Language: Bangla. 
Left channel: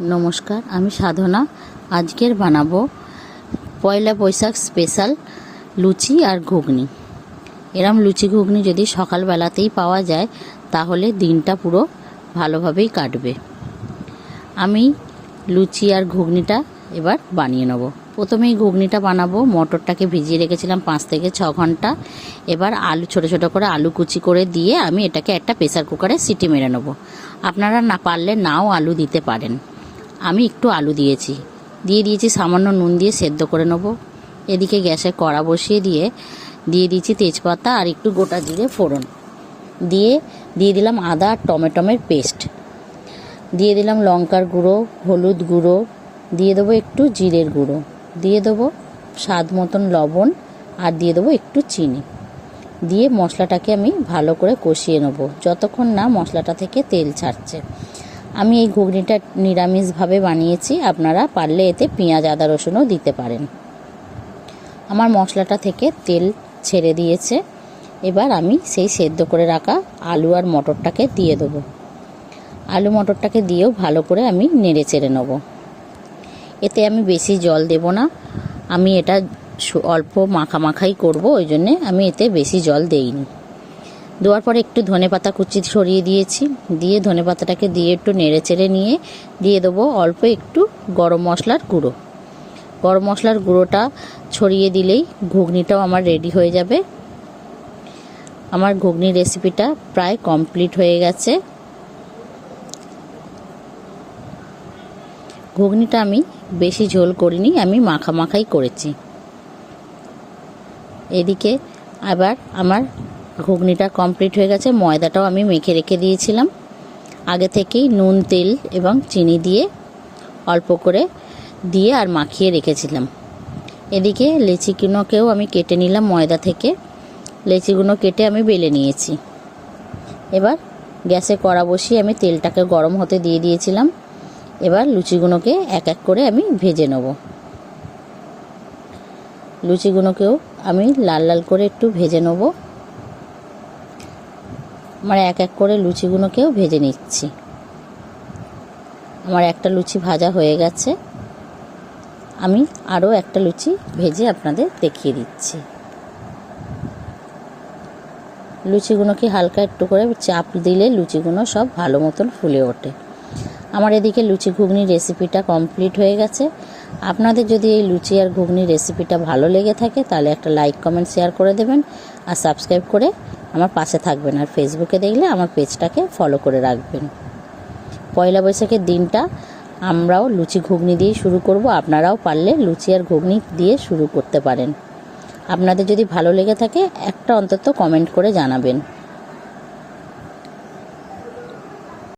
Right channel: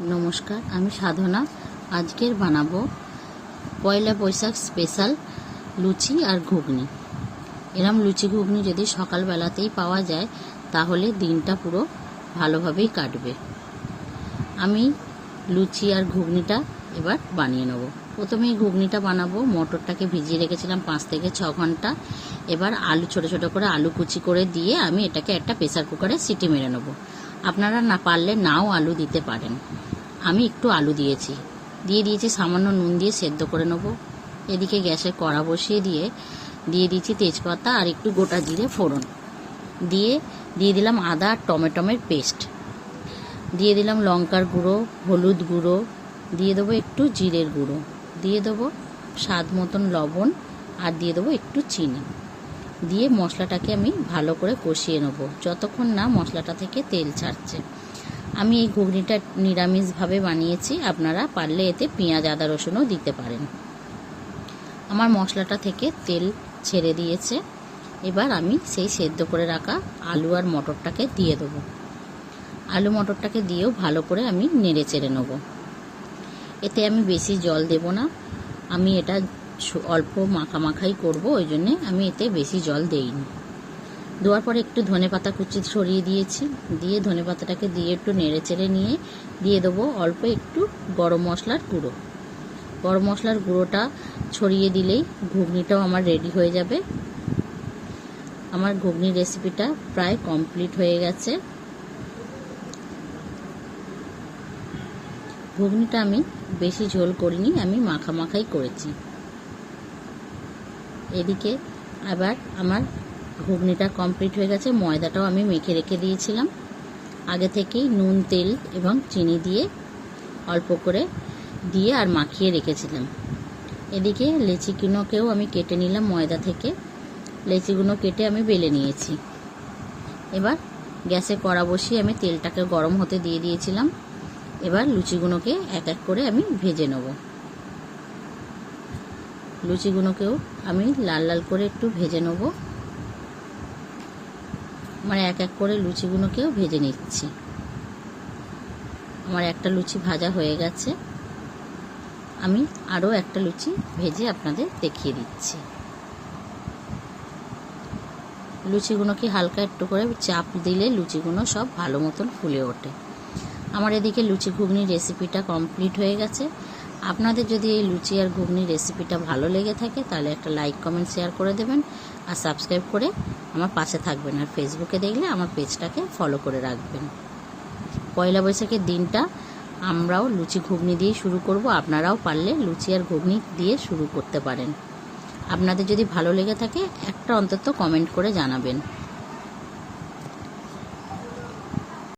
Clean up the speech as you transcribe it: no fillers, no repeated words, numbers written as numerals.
नमस्कार आमी साधना आजकेर बानाबो पयला बैशाख स्पेशल लुचि और घुगनी। एरम लुचि घुगनी यदि सकाल बेलातेई पावा जाए ताहले दिनटा पुरो भालोभाबेई काटबे। आमी लुचि और घुगनीटा एबार बानिये नेब। प्रथमेई घुगनीटा बानाबो। मटरटाके भिजिए रेखेछिलाम 5 থেকে 6 घंटा। एबार आलू छोटो छोटो करे आलू कुचि करे दिए आमी एटाके एकटा प्रेसार कुकारे सिटी मेरे नेब। आपनारा ना पारले नाओ आलू दिते पारेन। আমি একটু আলু দিয়েছি, সামান্য নুন দিয়ে সেদ্ধ করে নেব। এদিকে গ্যাসে কড়া বসিয়ে দিয়ে দিয়েছি তেজপাতা আর একটু গোটা জিরে ফোড়ন দিয়ে দিলাম আদা আর টমেটোর পেস্ট, দিয়ে দিলাম লঙ্কার গুঁড়ো, হলুদ গুঁড়ো, দিয়ে দেবো একটু জিরের গুঁড়ো, দিয়ে দেবো স্বাদ মতন লবণ আর দিয়ে দেবো একটু চিনি। দিয়ে মশলাটাকে আমি ভালো করে কষিয়ে নেব যতক্ষণ না মশলাটা থেকে তেল ছাড়ছে। আমি এই ঘুগনিটা নিরামিষভাবে বানিয়েছি, আপনারা পারলে এতে পেঁয়াজ আদা রসুনও দিতে পারেন। আমার মশলাটা থেকে তেল ছেড়ে দিয়েছে। এবার আমি সেই সেদ্ধ করে রাখা আলু আর মটরটাকে দিয়ে দেবো। আলু মটরটাকে দিয়েও ভালো করে আমি নেড়ে চেড়ে নেব। এতে আমি বেশি জল দেব না, আমি এটা অল্প মাখামাখাই করব, ওই জন্যে আমি এতে বেশি জল দেইনি। দেওয়ার পরে একটু ধনেপাতা কুচি ছড়িয়ে দিয়েছি, দিয়ে ধনেপাতাটাকে দিয়ে একটু নেড়ে চেড়ে নিয়ে দিয়ে দেবো অল্প একটু গরম মশলার গুঁড়ো। গরম মশলার গুঁড়োটা ছড়িয়ে দিলেই ঘুগনিটাও আমার রেডি হয়ে যাবে। আমার ঘুগনির রেসিপিটা প্রায় কমপ্লিট হয়ে গেছে। ঘুগনিটা আমি বেশি ঝোল করিনি, আমি মাখামাখাই করেছি। এদিকে আবার আমার ঘুগনিটা কমপ্লিট হয়ে গেছে। ময়দাটাও আমি মেখে রেখে দিয়েছিলাম আগে থেকেই, নুন তেল এবং চিনি দিয়ে অল্প করে দিয়ে আর মাখিয়ে রেখেছিলাম। এদিকে লেচিগুলোকেও আমি কেটে নিলাম ময়দা থেকে, লেচিগুলো কেটে আমি বেলে নিয়েছি। এবার গ্যাসে কড়া বসিয়ে আমি তেলটাকে গরম হতে দিয়ে দিয়েছিলাম। এবার লুচিগুলোকে এক এক করে আমি ভেজে নেব। লুচিগুলোকেও আমি লাল লাল করে একটু ভেজে নেব। আমার এক এক করে লুচিগুলোকেও ভেজে নিচ্ছি। আমার একটা লুচি ভাজা হয়ে গেছে, আমি আরও একটা লুচি ভেজে আপনাদের দেখিয়ে দিচ্ছি। লুচিগুলোকে হালকা একটু করে চাপ দিলে লুচিগুলো সব ভালো মতন ফুলে ওঠে। আমার এদিকে লুচি ঘুগনির রেসিপিটা কমপ্লিট হয়ে গেছে। আপনাদের যদি এই লুচি আর ঘুগনির রেসিপিটা ভালো লেগে থাকে তাহলে একটা লাইক কমেন্ট শেয়ার করে দেবেন আর সাবস্ক্রাইব করে আমার পাশে থাকবেন। আর ফেসবুকে দেখলে আমার পেজটাকে ফলো করে রাখবেন। পয়লা বৈশাখের দিনটা আমরাও লুচি ঘুগনি দিয়ে শুরু করব, আপনারাও পারলে লুচি আর ঘুগনি দিয়ে শুরু করতে পারেন। আপনাদের যদি ভালো লেগে থাকে একটা অন্তত কমেন্ট করে জানাবেন।